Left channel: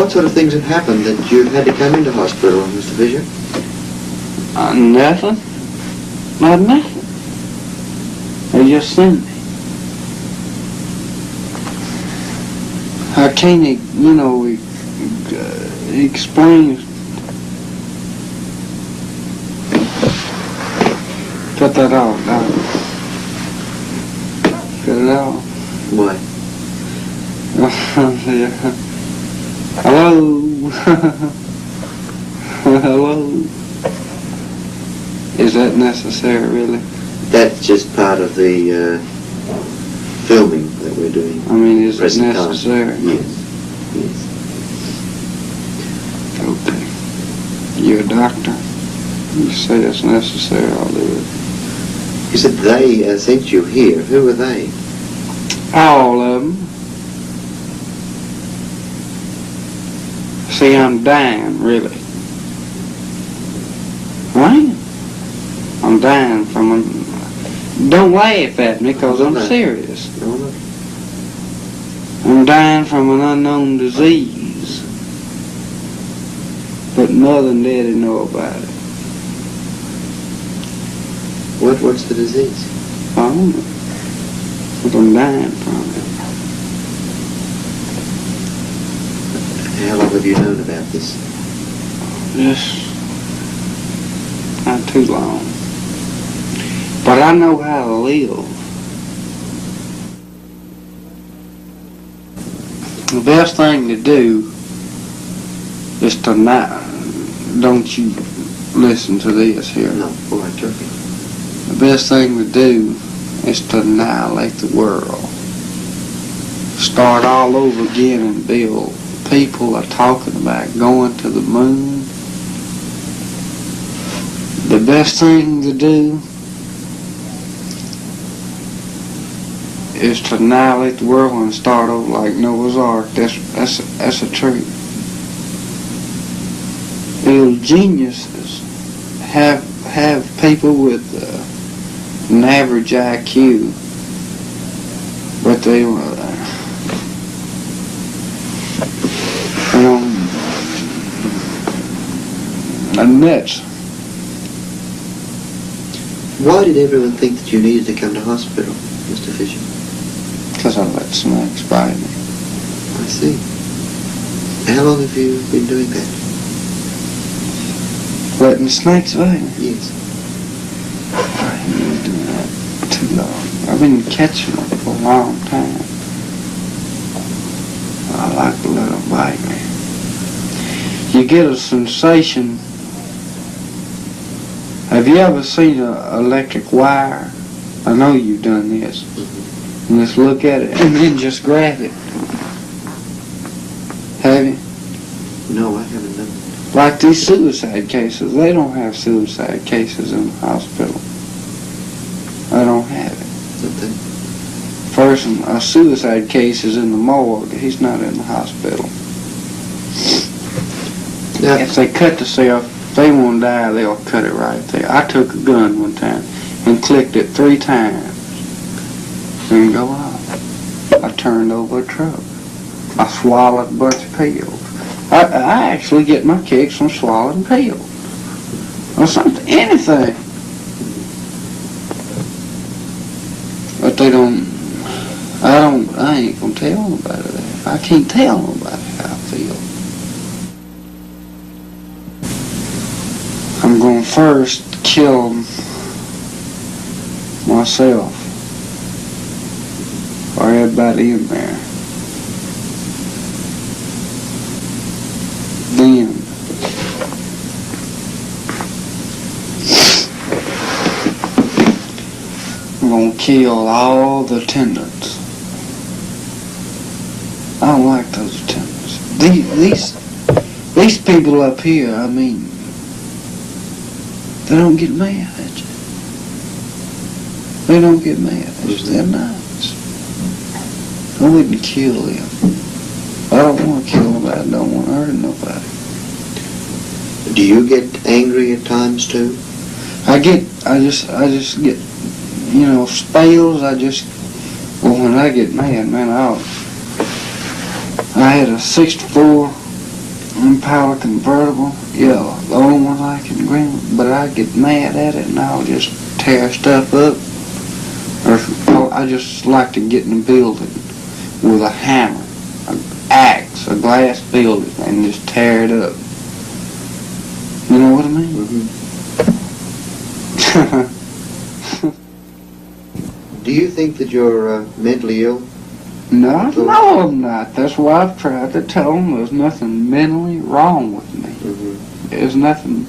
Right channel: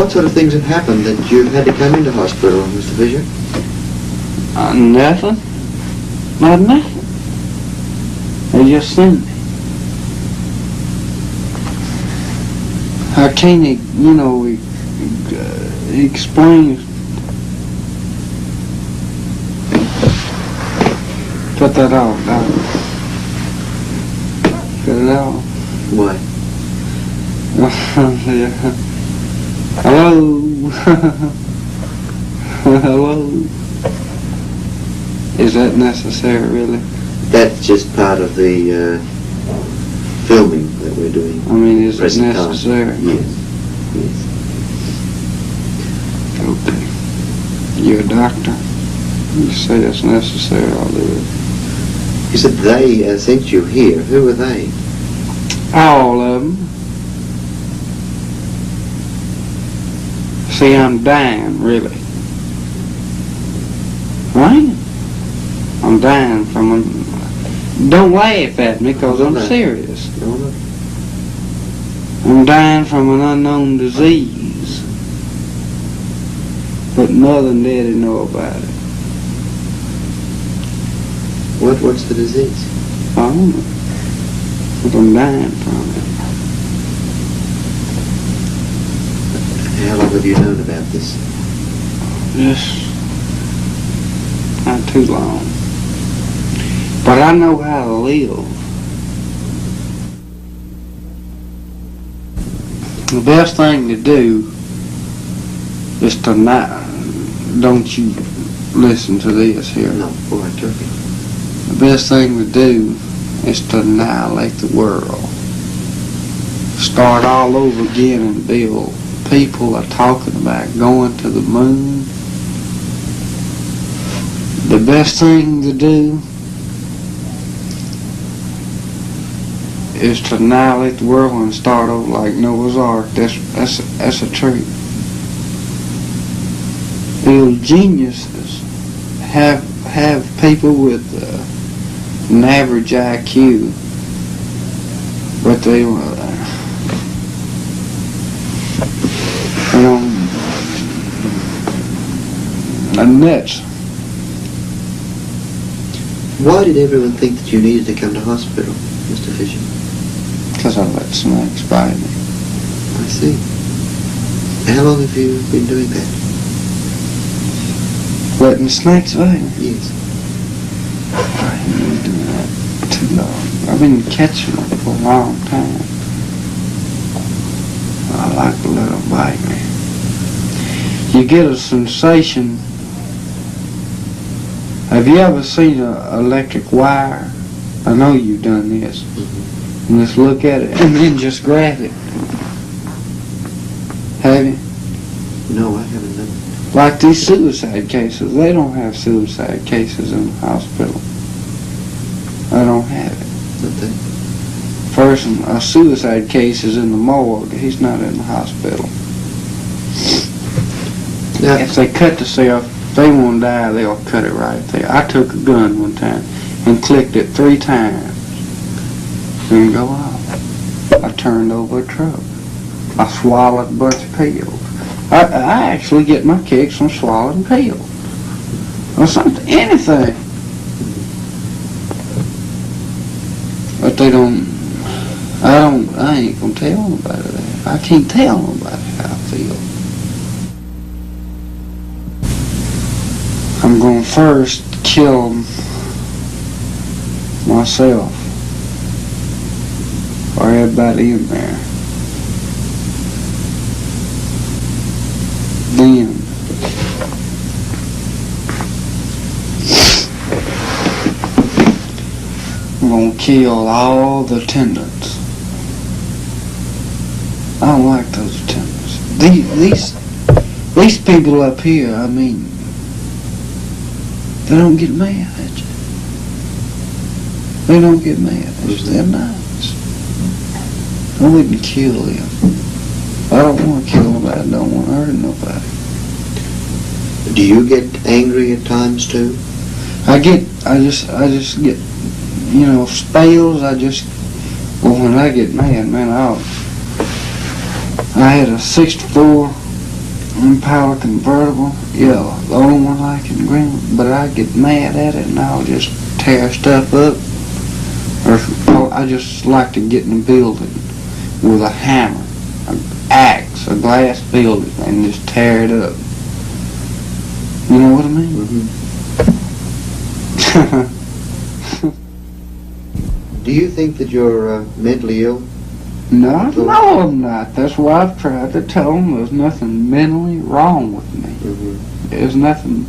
What sort of things have happened that you've had to come into hospital, Mr. Fisher? Nothing. Not nothing. They just sent me. I can't, explain. Cut that off, Doc. Cut it off. Why? Yeah. Hello. Hello. Is that necessary, really? That's just part of the filming that we're doing. I mean, is it present necessary? time. Yes. Yes. Okay. You're a doctor. You say it's necessary, I'll do it. You said they sent you here. Who were they? All of them. See, I'm dying, really. Right? I'm dying from a... Don't laugh at me, because I'm serious. No, no. I'm dying from an unknown disease. But Mother and Daddy know about it. What's the disease? I don't know. But I'm dying from it. How long have you known about this? Just not too long. But I know how to live. The best thing to do is to not... Don't you listen to this here. No, all right, turkey. The best thing to do is to annihilate the world. Start all over again and build. People are talking about going to the moon. The best thing to do is to annihilate the world and start over like Noah's Ark. That's a truth. Little geniuses have people with an average IQ, but they are nuts. Why did everyone think that you needed to come to hospital, Mr. Fisher? Because I let snakes bite me. I see. How long have you been doing that? Letting snakes bite me? Yes. I ain't been doing that too long. I've been catching them for a long time. I like to let them bite me. You get a sensation. Have you ever seen an electric wire? I know you've done this. And just look at it and then just grab it. Have you? No, I haven't done it. Like these suicide cases, they don't have suicide cases in the hospital. They don't have it. Okay. Person, a suicide case is in the morgue. He's not in the hospital. Now, If they cut the cell, if they want to die, they'll cut it right there. I took a gun one time and clicked it 3 times. Didn't go off. I turned over a truck. I swallowed a bunch of pills. I actually get my kicks from swallowing pills. Or something, anything. But they don't, I ain't gonna tell nobody that. I can't tell nobody how I feel. I'm gonna first kill myself. Or everybody in there. Then I'm gonna kill all the attendants. I don't like those attendants. These people up here, I mean, they don't get mad at you. They don't get mad at you. They're nice. I wouldn't kill them. I don't want to kill nobody. I don't want to hurt nobody. do you get angry at times too? I just get, spells. Well, when I get mad, man, I had a 64 Impala convertible, yeah, the only one I can green, but I get mad at it and I'll just tear stuff up. Or I just like to get in the building with a hammer, an axe, a glass building, and just tear it up. You know what I mean? Mm-hmm. Do you think that you're mentally ill? No, I'm not. That's why I've tried to tell them there's nothing mentally wrong with me. Mm-hmm. There's nothing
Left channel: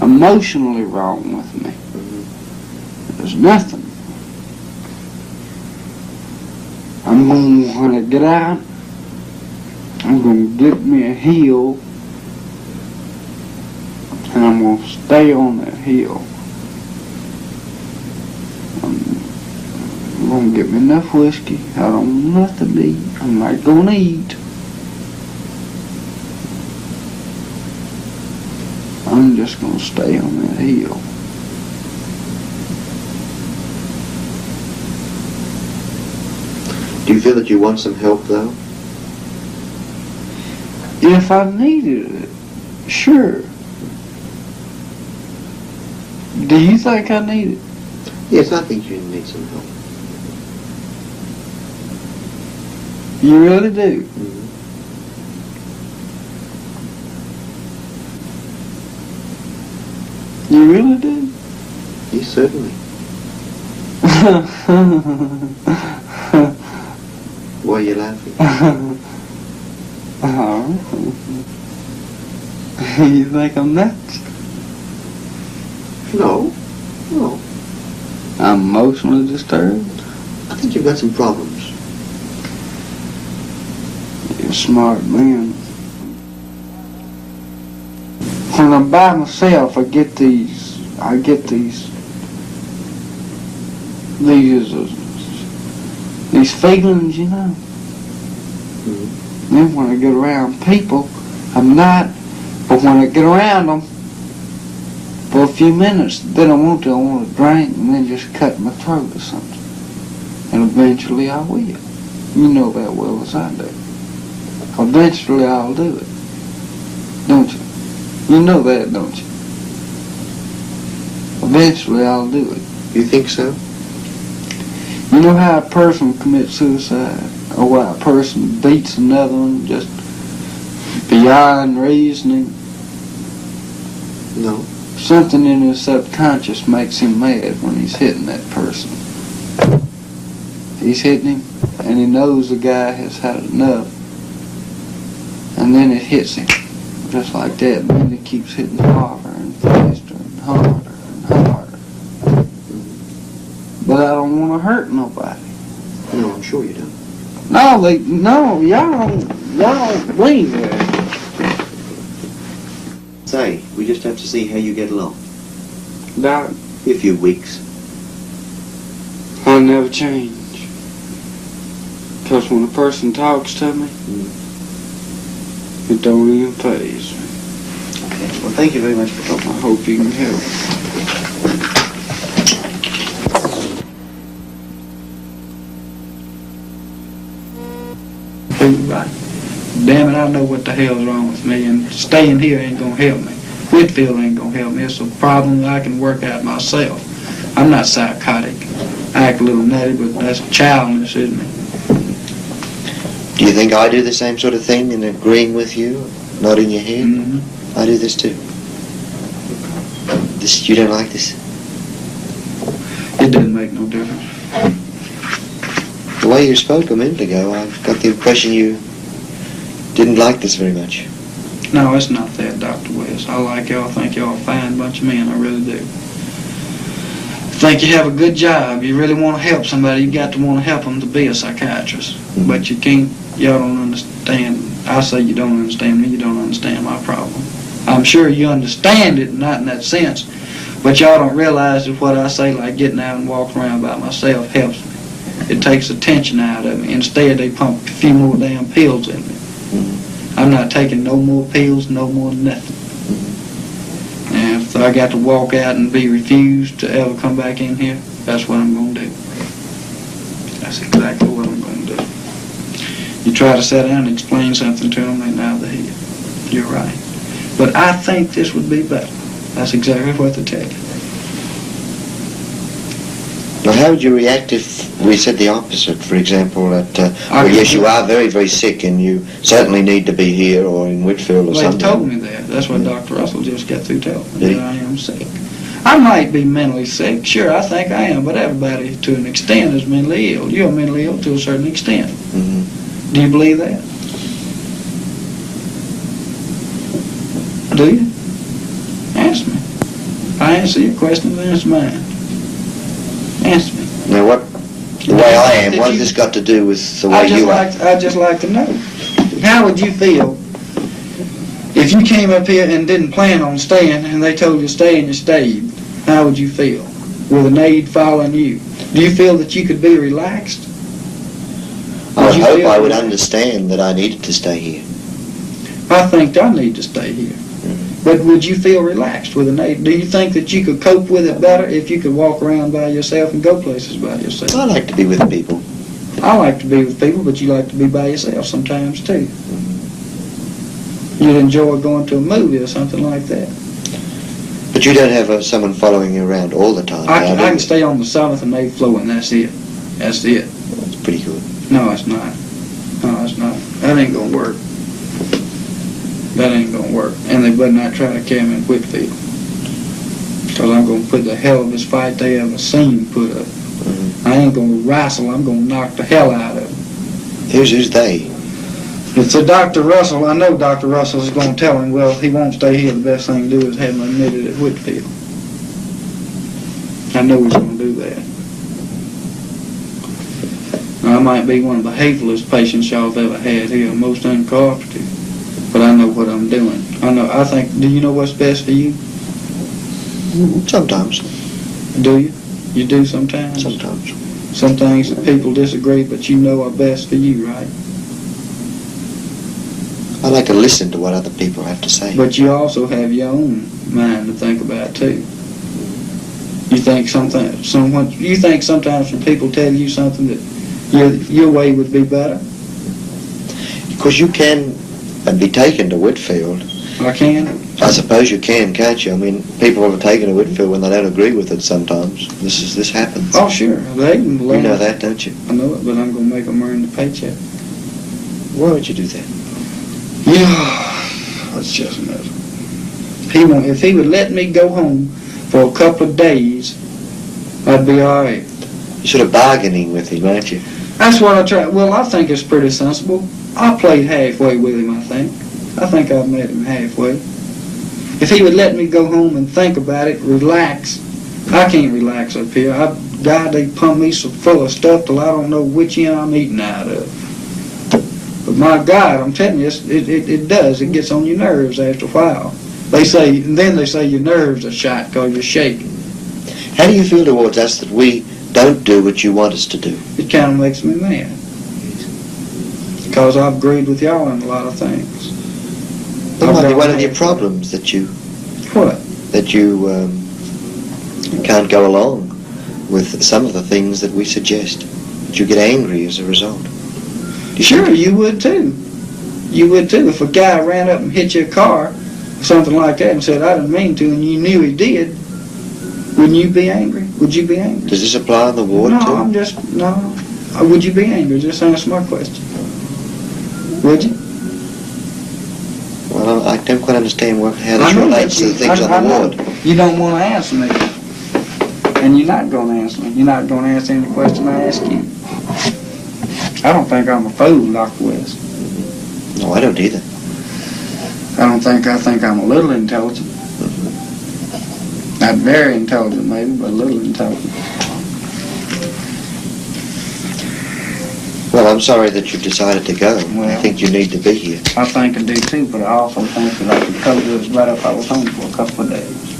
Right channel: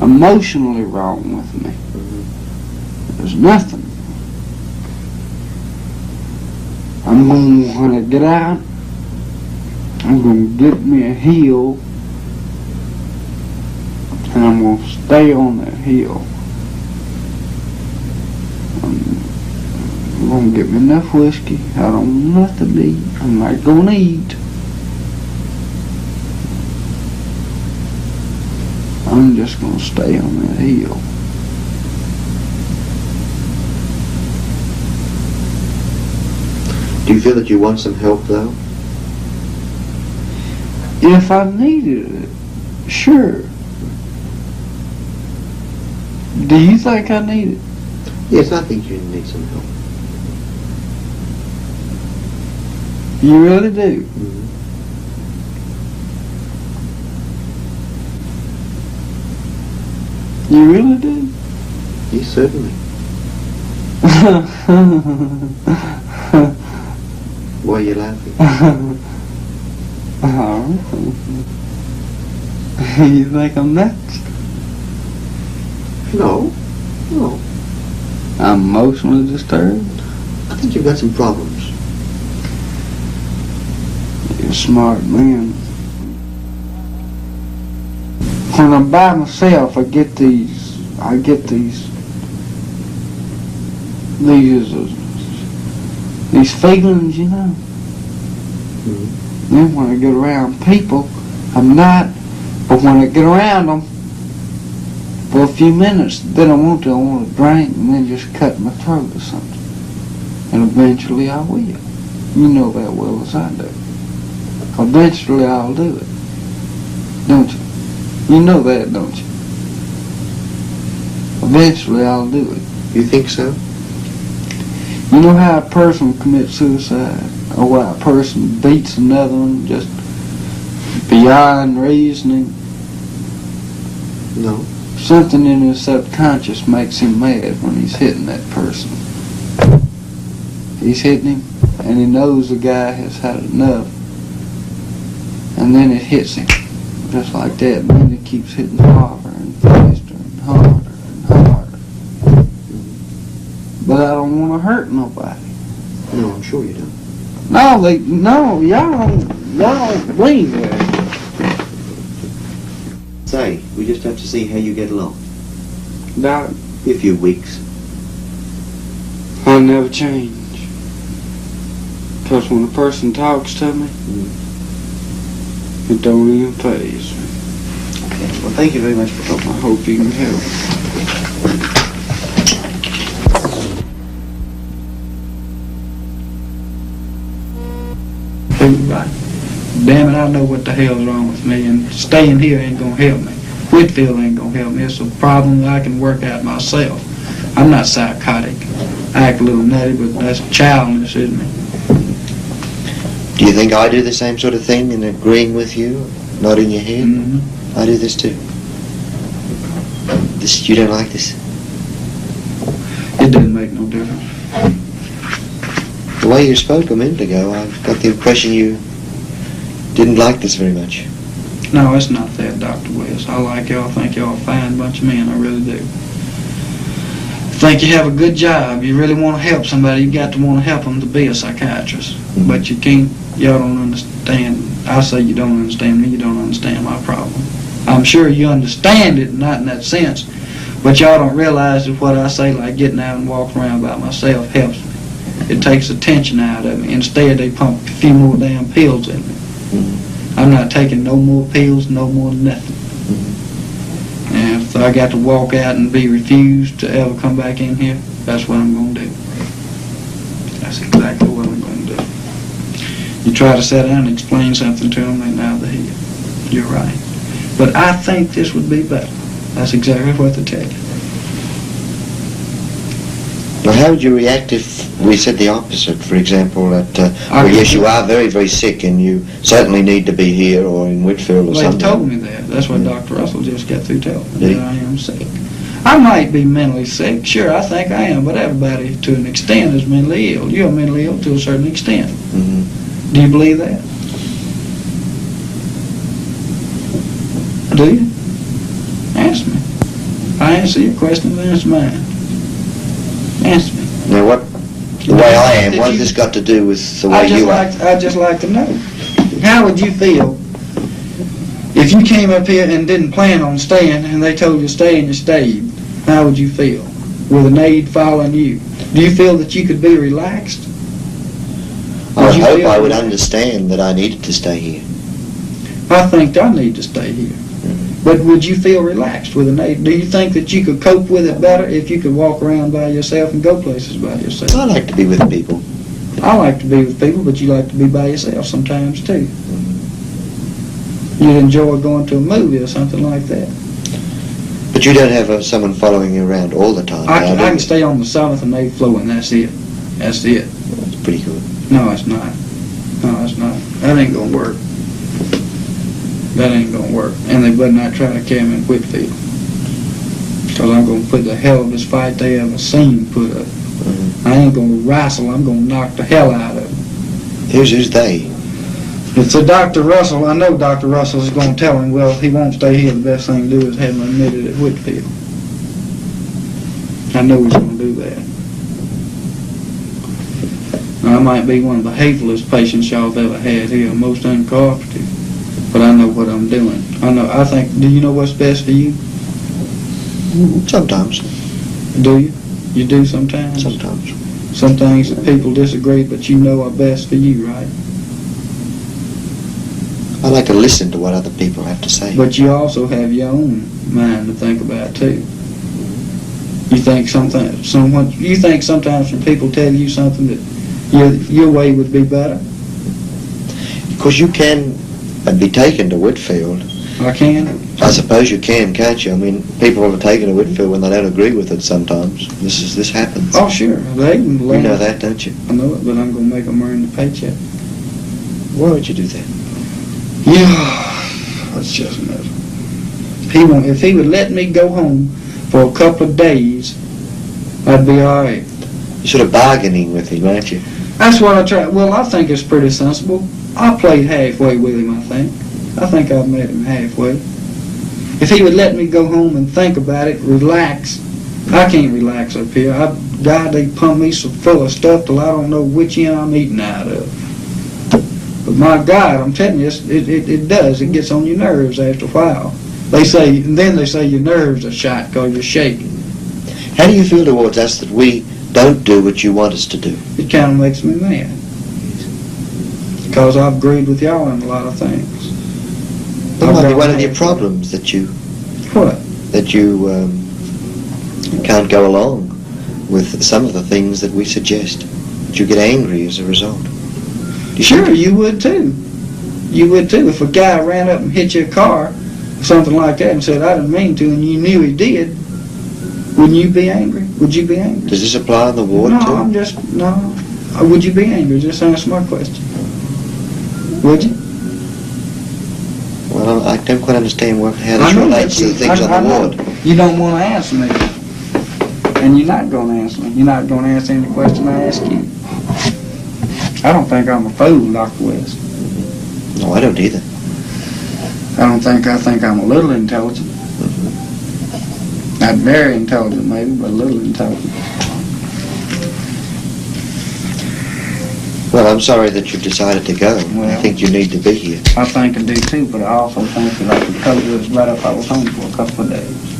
emotionally wrong with me. Mm-hmm. There's nothing. I'm going to, when I get out, I'm going to get me a hill, and I'm going to stay on that hill. I'm going to get me enough whiskey. I don't want nothing to eat. I'm not going to eat. I'm just going to stay on that hill. Do you feel that you want some help, though? If I needed it, sure. Do you think I need it? Yes, I think you need some help. You really do? Mm-hmm. You really do? Yes, certainly. Why are you laughing? You think I'm nuts? No. No. I'm emotionally disturbed? I think you've got some problems. You're a smart man. When I'm by myself, I get these feelings, you know. Mm-hmm. Then when I get around people, I'm not. But when I get around them for a few minutes, then I want to drink and then just cut my throat or something. And eventually I will. You know that well as I do. Eventually I'll do it. Don't you? You know that, don't you? Eventually I'll do it. You think so? You know how a person commits suicide? Or why a person beats another one just beyond reasoning? No. Something in his subconscious makes him mad when he's hitting that person. He's hitting him, and he knows the guy has had enough. And then it hits him, just like that. And then it keeps hitting harder and faster and harder and harder. But I don't want to hurt nobody. No, I'm sure you don't. No, y'all don't believe that. Say, we just have to see how you get along. Doc, A few weeks. I'll never change. Because when a person talks to me, it don't even faze me. Okay, well, thank you very much for I talking. hope you can help. Right. Damn it, I know what the hell's wrong with me, and staying here ain't gonna help me. Whitfield ain't gonna help me. It's a problem that I can work out myself. I'm not psychotic. I act a little nutty, but that's childish, isn't it? Do you think I do the same sort of thing in agreeing with you? Nodding your head? Mm-hmm. I do this too. You don't like this? It doesn't make no difference. The way you spoke a minute ago, I've got the impression you didn't like this very much. No, it's not that, Dr. West. I like y'all. I think y'all a fine bunch of men. I really do. I think you have a good job. You really want to help somebody, you got to want to help them to be a psychiatrist. Mm-hmm. But you can't, y'all don't understand. I say you don't understand me, you don't understand my problem. I'm sure you understand it, not in that sense, but y'all don't realize that what I say, like getting out and walking around by myself, helps me. It takes the tension out of me. Instead, they pump a few more damn pills in me. Mm-hmm. I'm not taking no more pills, no more nothing. Mm-hmm. And if I got to walk out and be refused to ever come back in here, that's what I'm going to do. That's exactly what I'm going to do. You try to sit down and explain something to them, they nod their head. You're right. But I think this would be better. That's exactly what they tell you. Now, how would you react if we said the opposite? For example, that, well, could yes, do you are very, very sick and you certainly need to be here or in Whitfield or They something. told me that. That's what Dr. Russell just got through telling me, Did he? that I am sick. I might be mentally sick. Sure, I think I am, but everybody, to an extent, is mentally ill. You're mentally ill to a certain extent. Mm-hmm. Do you believe that? Do you? Answer me. I answer your question, answer mine. Answer me. Now, the way I am, what has this got to do with the way you are? I'd just like to know. How would you feel if you came up here and didn't plan on staying and they told you to stay and you stayed? How would you feel with an aide following you? Do you feel that you could be relaxed? I would you hope feel I would relaxed? understand that I needed to stay here. I think I need to stay here. But would you feel relaxed with an aide? Do you think that you could cope with it better if you could walk around by yourself and go places by yourself? I like to be with people. I like to be with people, but you like to be by yourself sometimes too. You'd enjoy going to a movie or something like that. But you don't have someone following you around all the time. I now, do can you? stay on the 7th and 8th floor and that's it. That's it. That's pretty good. No, it's not. No, it's not. That ain't gonna work. That ain't gonna work. And they better not try to carry me in Whitfield. Because I'm gonna put the hell of this fight they ever seen put up. Mm-hmm. I ain't gonna wrestle, I'm gonna knock the hell out of them. Who's they? It's a Dr. Russell. I know Dr. Russell is gonna tell him, well, he won't stay here. The best thing to do is have him admitted at Whitfield. I know he's gonna do that. Now, I might be one of the hatefulest patients y'all have ever had here, most uncooperative. But I know what I'm doing. I think, do you know what's best for you? Sometimes. Do you? You do sometimes? Sometimes. Some things that people disagree, but you know are best for you, right? I like to listen to what other people have to say. But you also have your own mind to think about, too. You think sometimes when people tell you something that your way would be better? Because you can be taken to Whitfield. I can? I suppose you can, can't you? I mean, people are taken to Whitfield when they don't agree with it sometimes. This happens. Oh, sure. They can You learn. know that, don't you? I know it, but I'm going to make them earn the paycheck. Why would you do that? Yeah, that's just another. If he would let me go home for a couple of days, I'd be all right. You're sort of bargaining with him, aren't you? That's what I try. Well, I think it's pretty sensible. I played halfway with him, I think. I think I've met him halfway. If he would let me go home and think about it, relax. I can't relax up here. God, they pump me so full of stuff till I don't know which end I'm eating out of. But my God, I'm telling you, it does. It gets on your nerves after a while. They say your nerves are shot because you're shaking. How do you feel towards us that we don't do what you want us to do? It kind of makes me mad. Because I've agreed with y'all on a lot of things. That might be one of your problems that you What? can't go along with some of the things that we suggest. That you get angry as a result. Sure, you would too. You would too. If a guy ran up and hit your car, or something like that, and said, I didn't mean to, and you knew he did, wouldn't you be angry? Would you be angry? Does this apply on the ward No, too? no. Would you be angry? Just answer my question. Would you? Well, I don't quite understand how I this know relates that to the things I on the know. ward. You don't want to answer me. And you're not going to answer me. You're not going to answer any question I ask you. I don't think I'm a fool, Dr. West. No, I don't either. I think I'm a little intelligent. Not very intelligent, maybe, but a little intelligent. Well, I'm sorry that you've decided to go. Well, I think you need to be here. I think I do too, but I also think that I could cope with it better if I was home for a couple of days.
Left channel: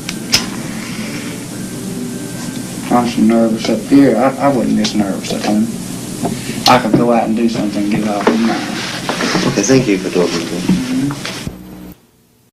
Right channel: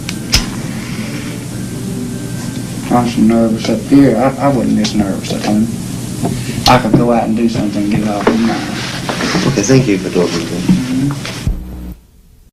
I'm so nervous up here. I wasn't this nervous at home. I could go out and do something and get it off my mind. Okay, thank you for talking to me.